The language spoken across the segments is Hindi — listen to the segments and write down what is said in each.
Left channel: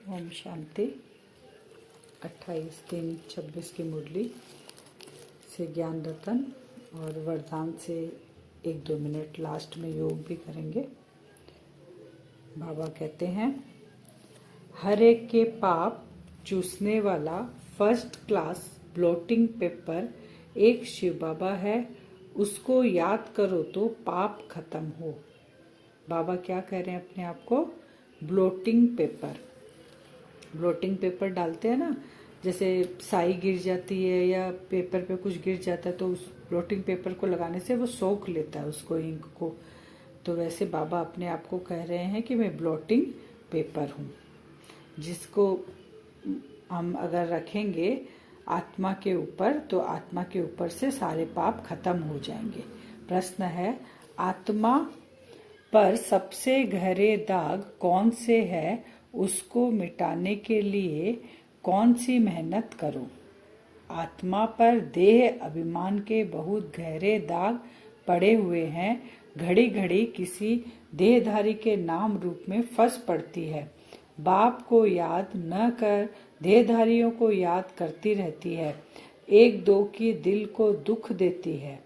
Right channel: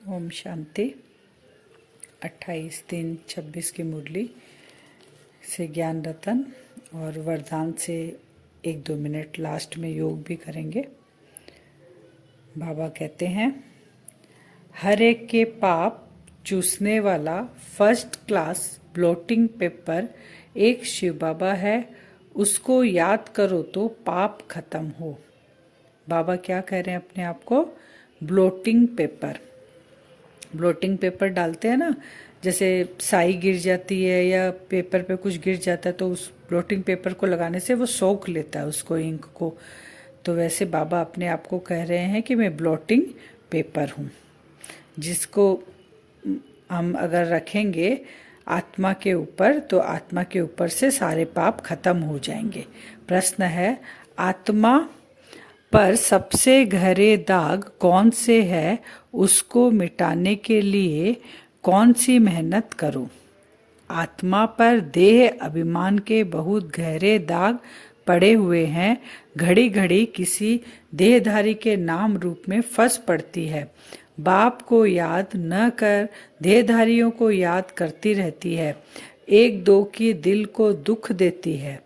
ओम शांति। 28/3/26 की मुरली से ज्ञान रतन और वरदान से 1-2 मिनट लास्ट में योग भी करेंगे। बाबा कहते हैं, हर एक के पाप चूसने वाला फर्स्ट क्लास ब्लॉटिंग पेपर एक शिव बाबा है, उसको याद करो तो पाप खत्म हो। बाबा क्या कह रहे हैं अपने आप को? ब्लोटिंग पेपर डालते हैं ना, जैसे साई गिर जाती है या पेपर पे कुछ गिर जाता है तो उस ब्लोटिंग पेपर को लगाने से वो सोख लेता है उसको, इंक को। तो वैसे बाबा अपने आप को कह रहे हैं कि मैं ब्लोटिंग पेपर हूँ, जिसको हम अगर रखेंगे आत्मा के ऊपर तो आत्मा के ऊपर से सारे पाप खत्म हो जाएंगे। प्रश्न है, आत्मा पर सबसे गहरे दाग कौन से है, उसको मिटाने के लिए कौन सी मेहनत करूं? आत्मा पर देह अभिमान के बहुत गहरे दाग पड़े हुए हैं। घड़ी घड़ी किसी देहधारी के नाम रूप में फंस पड़ती है। बाप को याद न कर देहधारियों को याद करती रहती है। एक दो की दिल को दुख देती है।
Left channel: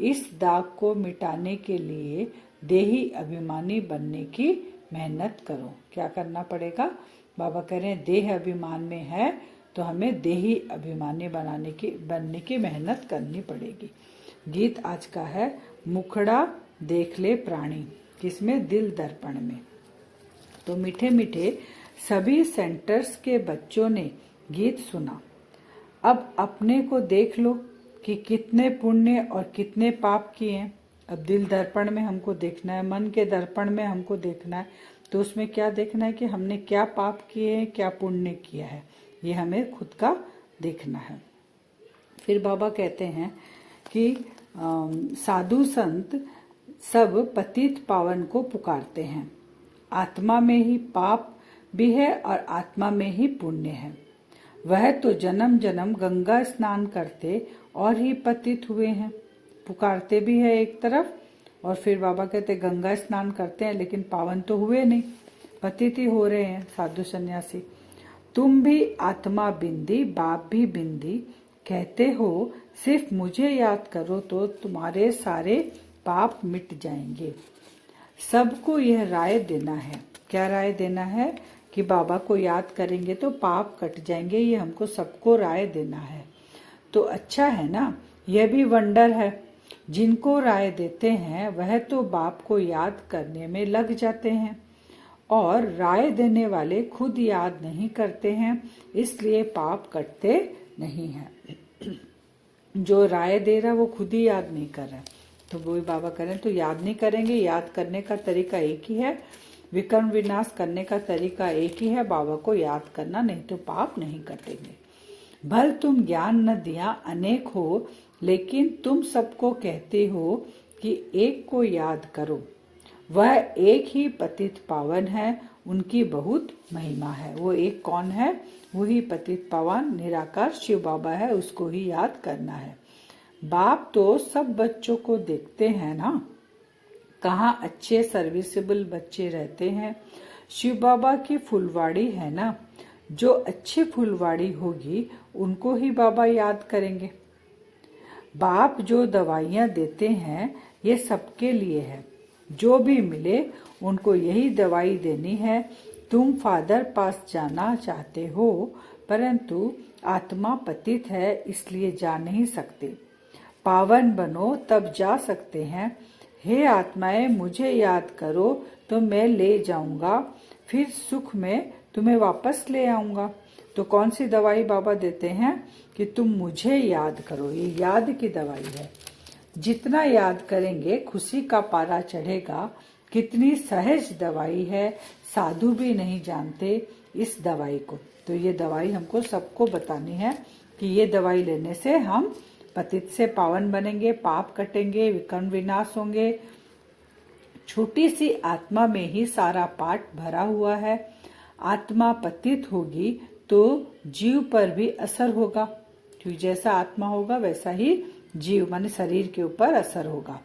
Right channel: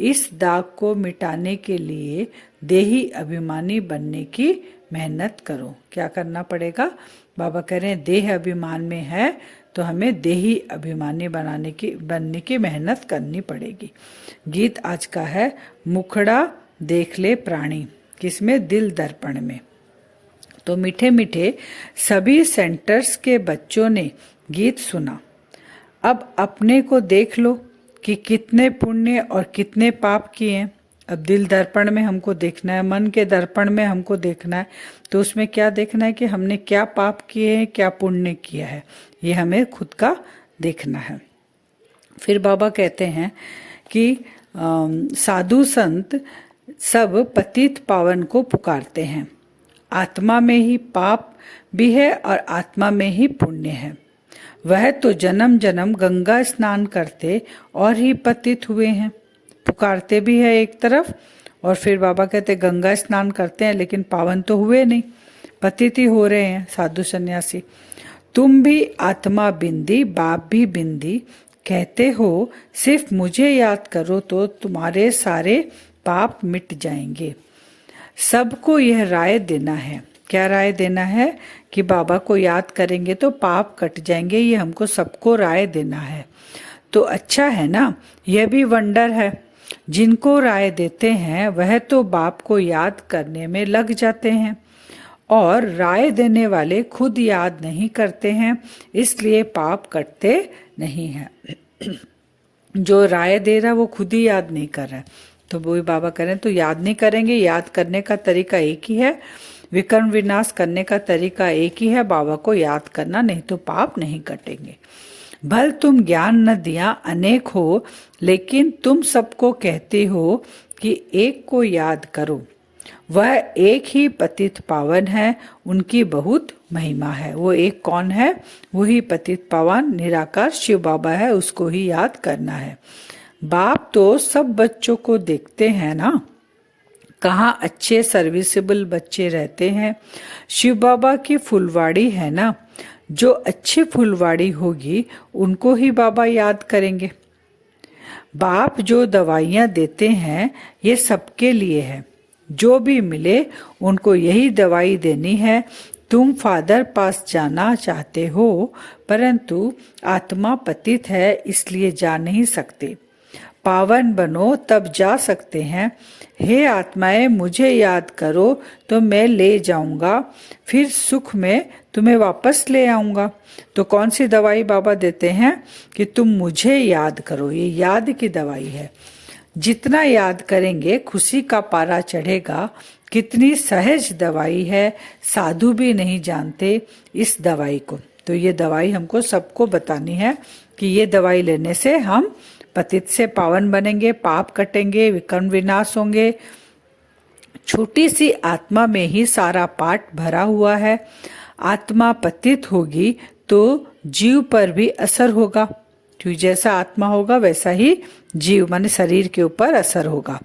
इस दाग को मिटाने के लिए देही अभिमानी बनने की मेहनत करो। क्या करना पड़ेगा? बाबा कह रहे हैं देह अभिमान में है तो हमें देही अभिमानी बनने की मेहनत करनी पड़ेगी। गीत आज का है, मुखड़ा देख ले प्राणी, किसमें? दिल दर्पण में। तो मीठे मीठे सभी सेंटर्स के बच्चों ने गीत सुना। अब अपने को देख लो कि कितने पुण्य और कितने पाप किए हैं। अब दिल दर्पण में हमको देखना है, मन के दर्पण में हमको देखना है। तो उसमें क्या देखना है कि हमने क्या पाप किए हैं, क्या पुण्य किया है, ये हमें खुद का देखना है। फिर बाबा कहते हैं कि साधु संत सब पतित पावन को पुकारते हैं। आत्मा में ही पाप भी है और आत्मा में ही पुण्य है। वह तो जन्म जन्म गंगा स्नान करते और ही पतित हुए हैं। पुकारते भी है एक तरफ, और फिर बाबा कहते गंगा स्नान करते हैं लेकिन पावन तो हुए नहीं, पतित ही हो रहे हैं साधु सन्यासी। तुम भी आत्मा बिंदी, बाप भी बिंदी, कहते हो सिर्फ मुझे याद करो तो तुम्हारे सारे पाप मिट जाएंगे। सबको यह राय देना है। क्या राय देना है? कि बाबा को याद करेंगे तो पाप कट जाएंगे। ये हमको सबको राय देना है। तो अच्छा है ना, यह भी वंडर है। जिनको राय देते हैं वह तो बाप को याद करने में लग जाते हैं, और राय देने वाले खुद याद नहीं करते हैं, इसलिए पाप कटते नहीं हैं। जो राय दे रहा है वो खुद ही याद नहीं कर रहा है। तो वही बाबा करें तो याद नहीं करेंगे। याद करने का तरीका एक ही है, विकर्म विनाश करने का तरीका एक ही है, बाबा को याद करना, नहीं तो पाप नहीं कटेंगे। भल तुम ज्ञान नदियां अनेक हो, लेकिन तुम सबको कहते हो कि एक को याद करो। वह एक ही पतित पावन है, उनकी बहुत महिमा है। वो एक कौन है? वही पतित पावन निराकार शिव बाबा है, उसको ही याद करना है। बाप तो सब बच्चों को देखते हैं ना, कहाँ अच्छे सर्विसेबल बच्चे रहते हैं। शिव बाबा की फुलवाड़ी है ना, जो अच्छी फुलवाड़ी होगी उनको ही बाबा याद करेंगे। बाप जो दवाइयाँ देते हैं ये सबके लिए है, जो भी मिले उनको यही दवाई देनी है। तुम फादर पास जाना चाहते हो, परंतु आत्मा पतित है इसलिए जा नहीं सकते। पावन बनो तब जा सकते हैं। हे आत्माएं, मुझे याद करो तो मैं ले जाऊंगा, फिर सुख में तुम्हें वापस ले आऊंगा। तो कौन सी दवाई बाबा देते हैं? कि तुम मुझे याद करो। ये याद की दवाई है। जितना याद करेंगे खुशी का पारा चढ़ेगा। कितनी सहज दवाई है, साधु भी नहीं जानते इस दवाई को। तो ये दवाई हमको सबको बतानी है कि ये दवाई लेने से हम पतित से पावन बनेंगे, पाप कटेंगे, विकर्म विनाश होंगे। छोटी सी आत्मा में ही सारा पाठ भरा हुआ है। आत्मा पतित होगी तो जीव पर भी असर होगा, क्योंकि जैसा आत्मा होगा वैसा ही जीव माने शरीर के ऊपर असर होगा।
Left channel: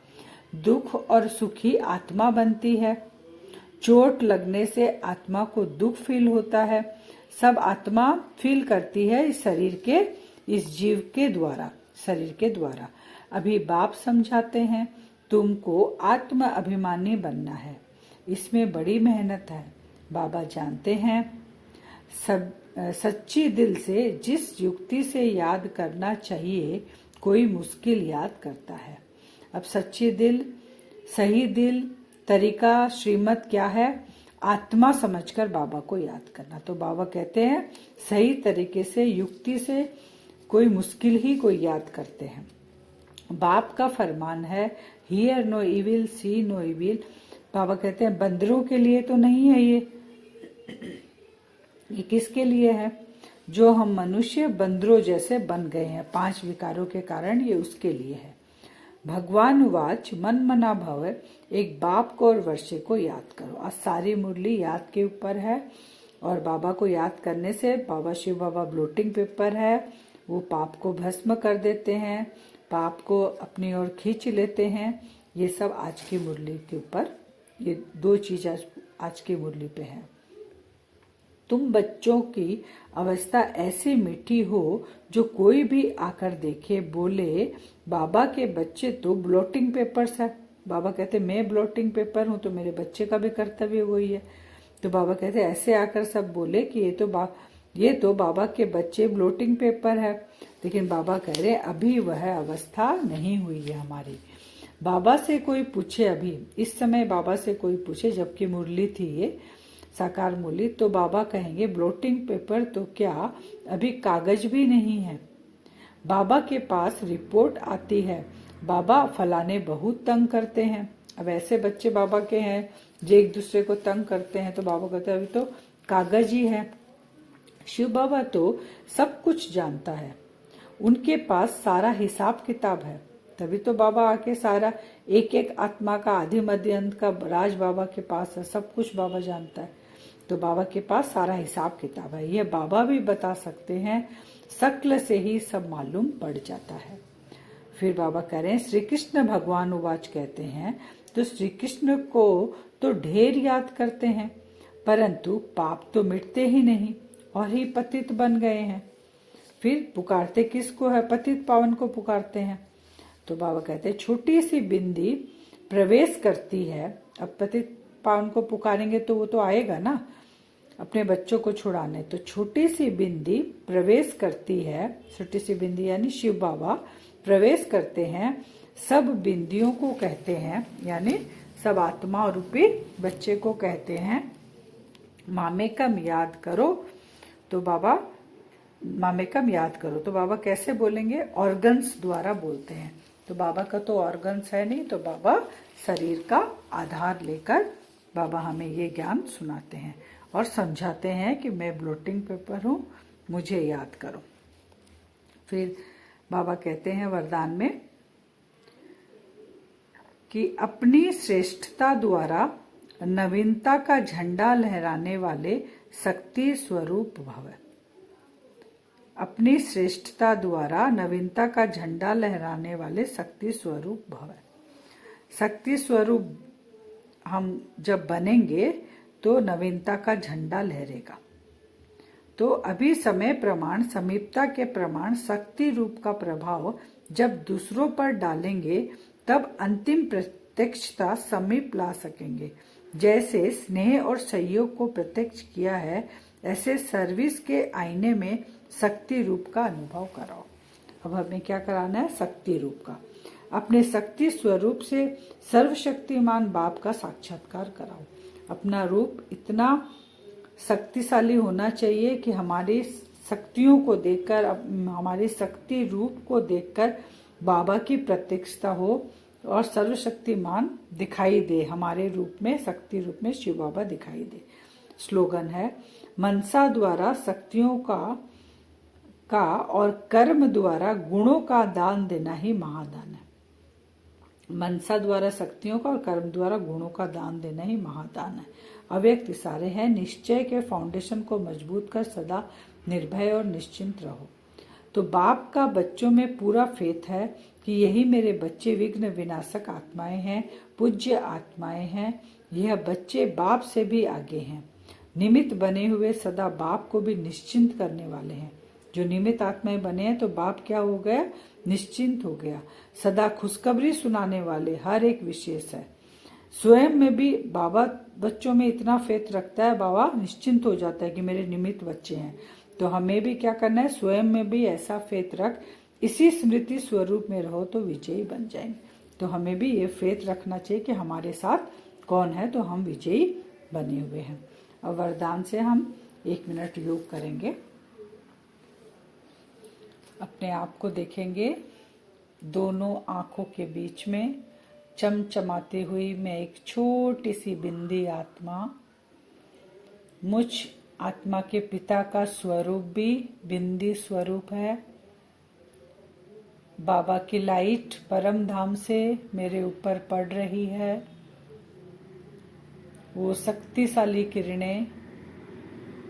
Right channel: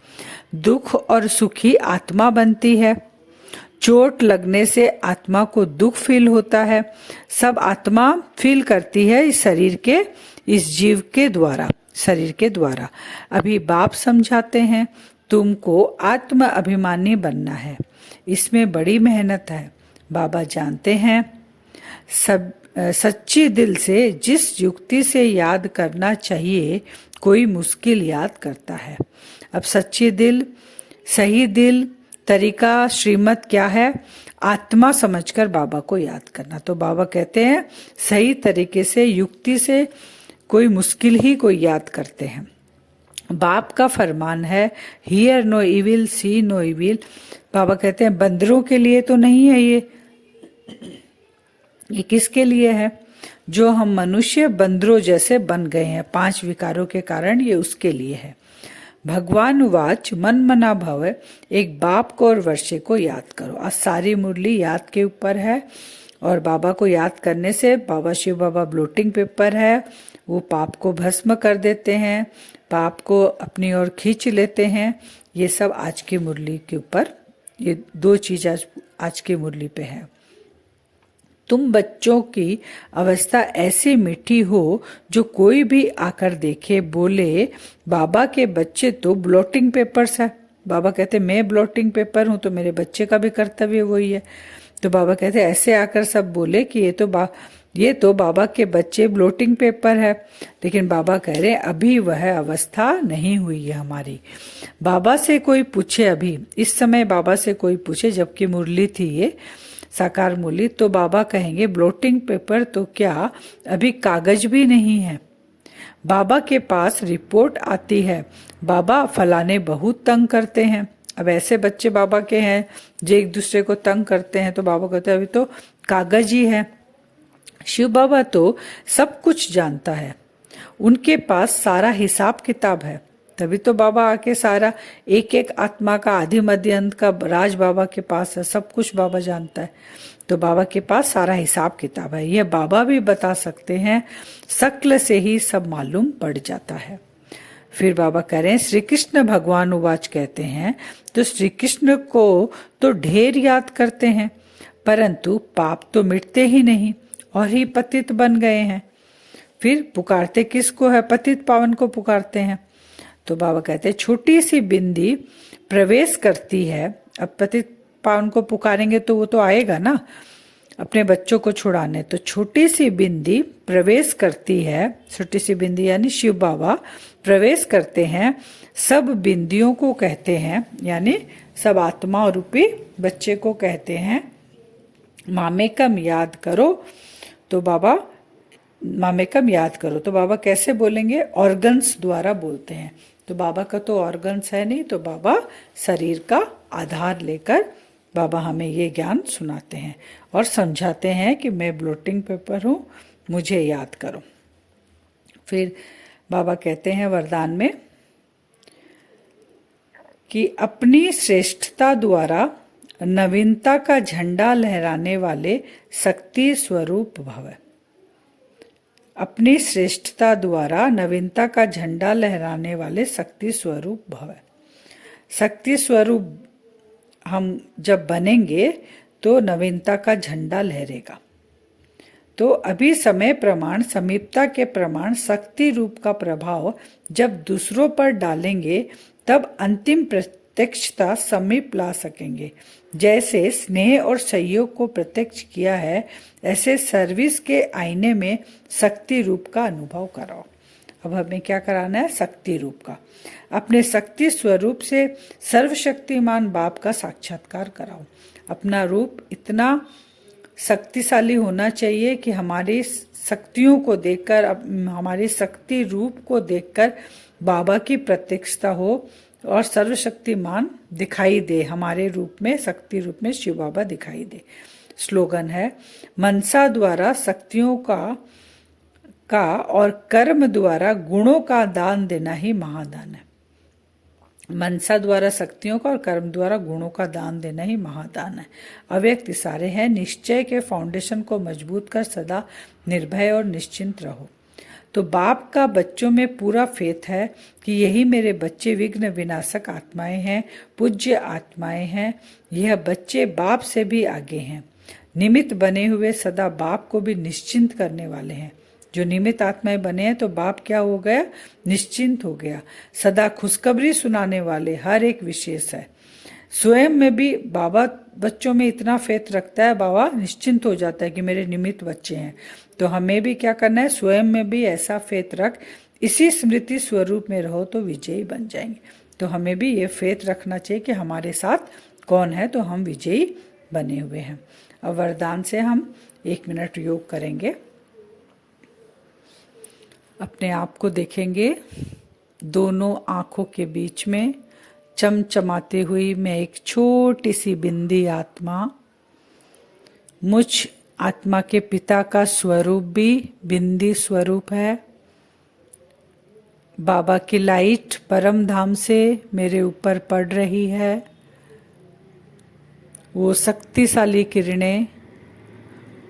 दुख और सुखी आत्मा बनती है। चोट लगने से आत्मा को दुख फील होता है। सब आत्मा फील करती है इस शरीर के, इस जीव के द्वारा, शरीर के द्वारा। अभी बाप समझाते हैं तुमको आत्म अभिमानी बनना है, इसमें बड़ी मेहनत है। बाबा जानते हैं सब सच्ची दिल से जिस युक्ति से याद करना चाहिए कोई मुश्किल याद करता है। अब सच्ची दिल, सही दिल, तरीका, श्रीमत क्या है? आत्मा समझकर बाबा को याद करना। तो बाबा कहते हैं सही तरीके से, युक्ति से कोई मुश्किल ही कोई याद करते हैं। बाप का फरमान है hear no evil, see no evil. बाबा कहते हैं बंदरों के लिए तो नहीं है ये किसके लिए है? जो हम मनुष्य बंदरों जैसे बन गए हैं 5 विकारों के कारण, ये उसके लिए है। भगवान वाच मन मना भव, एक बाप को और वर्षे को याद करो। आज सारी मुरली याद के ऊपर है और बाबा को याद करने से बाबा शिव बाबा ब्लोटिंग पेपर है, वो पाप को भस्म कर देते हैं, पाप को अपनी ओर खींच लेते हैं। ये सब आज की मुरली के ऊपर, ये 2 चीज आज की मुरली पे है। तुम बच्चों की अवस्था ऐसी मीठी हो जो कोई भी आकर देखे बोले बाबा के बच्चे तो ब्लोटिंग पेपर्स है। बाबा कहते मैं ब्लोटिंग पेपर हूं तो मेरे बच्चे का भी कर्तव्य वही है। तो बाबा कहते ऐसे आकर सब बोले कि ये तो बाबा के बच्चे ब्लोटिंग पेपर है। लेकिन बाबा कह रहे अभी वह अवस्था नहीं हुई है हमारी। बाबा से कोई पूछे, अभी इस समय बाबा से कोई पूछे, जबकि मुरली थी ये साकार मुरली, तो बाबा कहेंगे ब्लोटिंग पेपर तो क्या, अभी कागज भी नहीं है। बाबा के पास रिपोर्ट आती है बाबा फलाने बहुत तंग करते हैं। अब ऐसे बच्चे बाबा के हैं जो एक दूसरे को तंग करते हैं, तो बाबा कहते हैं अभी तो कागज ही है। शिव बाबा तो सब कुछ जानता है, उनके पास सारा हिसाब किताब है। तभी तो बाबा आके सारा एक एक आत्मा का आदि मध्य अंत का राज बाबा के पास है, सब कुछ बाबा जानता है। तो बाबा के पास सारा हिसाब किताब है, यह बाबा भी बता सकते हैं, शक्ल से ही सब मालूम पड़ जाता है। फिर बाबा कह रहे हैं श्री कृष्ण भगवान उवाच कहते हैं, तो श्री कृष्ण को तो ढेर याद करते हैं, परंतु पाप तो मिटते ही नहीं और ही पतित बन गए हैं। फिर पुकारते किसको है? पतित पावन को पुकारते हैं। तो बाबा कहते हैं छोटी सी बिंदी प्रवेश करती है। अब पतित पावन को पुकारेंगे तो वो तो आएगा ना अपने बच्चों को छुड़ाने। तो छोटी सी बिंदी प्रवेश करती है, छोटी सी बिंदी यानी शिव बाबा प्रवेश करते हैं, सब बिंदियों को कहते हैं, यानी सब आत्मा रूपी बच्चे को कहते हैं मामेकम याद करो। तो बाबा मामेकम याद करो, तो बाबा कैसे बोलेंगे? ऑर्गन्स द्वारा बोलते हैं। तो बाबा का तो ऑर्गन्स है नहीं, तो बाबा शरीर का आधार लेकर बाबा हमें ये ज्ञान सुनाते हैं और समझाते हैं कि मैं ब्लोटिंग पेपर हूँ, मुझे याद करो। फिर बाबा कहते हैं वरदान में कि अपनी श्रेष्ठता द्वारा नवीनता का झंडा लहराने वाले शक्ति स्वरूप भव। अपनी श्रेष्ठता द्वारा नवीनता का झंडा लहराने वाले शक्ति स्वरूप भव। शक्ति स्वरूप हम जब बनेंगे तो नवीनता का झंडा लहरेगा। तो अभी समय प्रमाण, समीपता के प्रमाण, शक्ति रूप का प्रभाव जब दूसरों पर डालेंगे तब अंतिम प्रत्यक्षता समीप ला सकेंगे। जैसे स्नेह और सहयोग को प्रत्यक्ष किया है, ऐसे सर्विस के आईने में शक्ति रूप का अनुभव कराओ। अब हमें क्या कराना है? शक्ति रूप का। अपने शक्ति स्वरूप से सर्वशक्तिमान बाप का साक्षात्कार कराओ। अपना रूप इतना शक्तिशाली होना चाहिए कि हमारी शक्तियों को देखकर, हमारे शक्ति रूप को देखकर बाबा की प्रत्यक्षता हो और सर्वशक्तिमान दिखाई दे। हमारे रूप में, शक्ति रूप में शिव बाबा दिखाई दे। स्लोगन है मनसा द्वारा शक्तियों का और कर्म द्वारा गुणों का दान देना ही महादान है। मनसा द्वारा शक्तियों का और कर्म द्वारा गुणों का दान देना ही महादान है। अव्यक्त इशारे हैं, निश्चय के फाउंडेशन को मजबूत कर सदा निर्भय और निश्चिंत रहो। तो बाप का बच्चों में पूरा फेथ है कि यही मेरे बच्चे विघ्न विनाशक आत्माएं हैं, पूज्य आत्माएं हैं। यह बच्चे बाप से भी आगे हैं, निमित्त बने हुए सदा बाप को भी निश्चिंत करने वाले हैं। जो निमित्त आत्माएं बने हैं तो बाप क्या हो गया? निश्चिंत हो गया। सदा खुशखबरी सुनाने वाले हर एक विशेष है। स्वयं में भी बाबा बच्चों में इतना फेथ रखता है, बाबा निश्चिंत हो जाता है कि मेरे निमित्त बच्चे हैं। तो हमें भी क्या करना है? स्वयं में भी ऐसा फेथ रख, इसी स्मृति स्वरूप में रहो तो विजयी बन जाएंगे। तो हमें भी ये फेथ रखना चाहिए कि हमारे साथ कौन है तो हम विजयी बने हुए हैं। अब वरदान से हम 1 मिनट योग करेंगे। अपने आप को देखेंगे, दोनों आंखों के बीच में चमचमाती हुई मैं एक छोटी सी बिंदी आत्मा, मुझ आत्मा के पिता का स्वरूप भी बिंदी स्वरूप है। बाबा की लाइट परम धाम से मेरे ऊपर पड़ रही है। वो शक्तिशाली किरणें,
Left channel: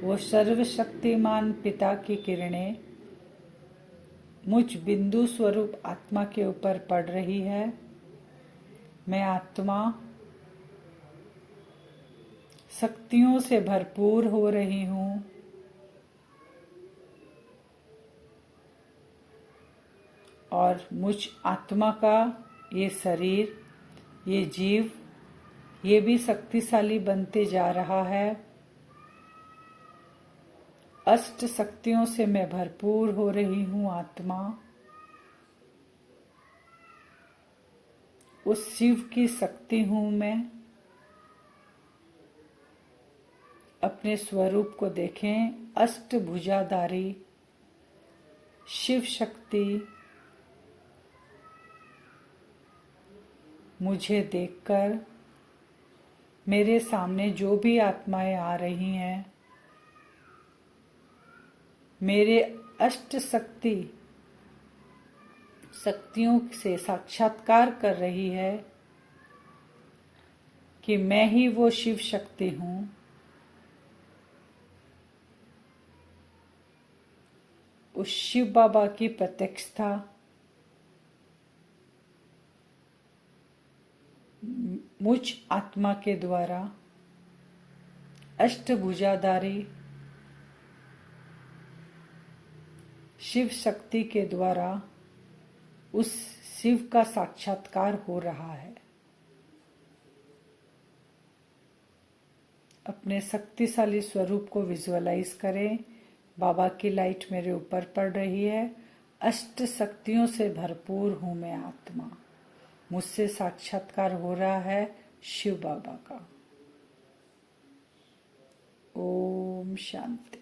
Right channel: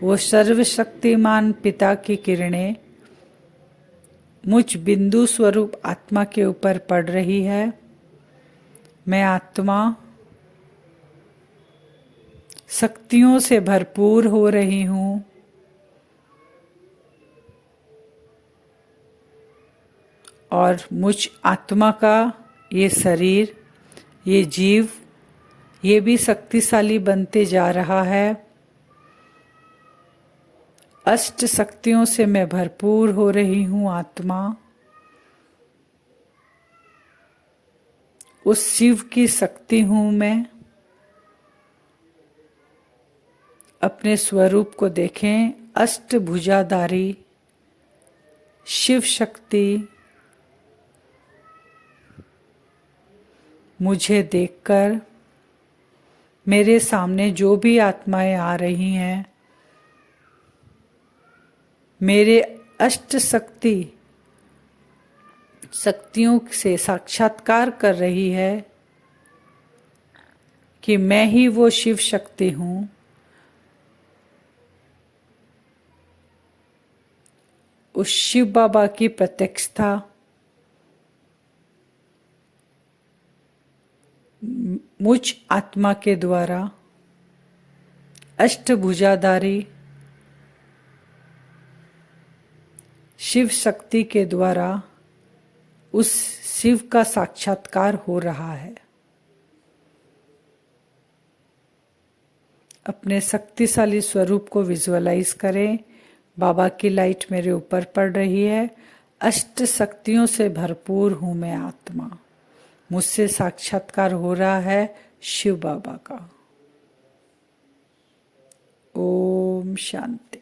वो सर्वशक्तिमान पिता की किरणें मुझ बिंदु स्वरूप आत्मा के ऊपर पड़ रही है। मैं आत्मा शक्तियों से भरपूर हो रही हूँ। और मुझ आत्मा का ये शरीर, ये जीव, ये भी शक्तिशाली बनते जा रहा है। अष्ट शक्तियों से मैं भरपूर हो रही हूँ आत्मा। उस शिव की शक्ति हूँ मैं। अपने स्वरूप को देखें, अष्टभुजाधारी शिव शक्ति मुझे देखकर मेरे सामने जो भी आत्माएं आ रही हैं, मेरे अष्ट शक्तियों से साक्षात्कार कर रही है कि मैं ही वो शिव शक्ति हूँ। उस शिव बाबा की प्रत्यक्षता मुझ आत्मा के द्वारा अष्टभुजाधारी शिव शक्ति के द्वारा उस शिव का साक्षात्कार हो रहा है। अपने शक्तिशाली स्वरूप को विजुअलाइज करें। बाबा की लाइट मेरे ऊपर पड़ रही है। अष्ट शक्तियों से भरपूर हूँ मैं आत्मा। मुझसे साक्षात्कार हो रहा है शिव बाबा का। ओम शांति।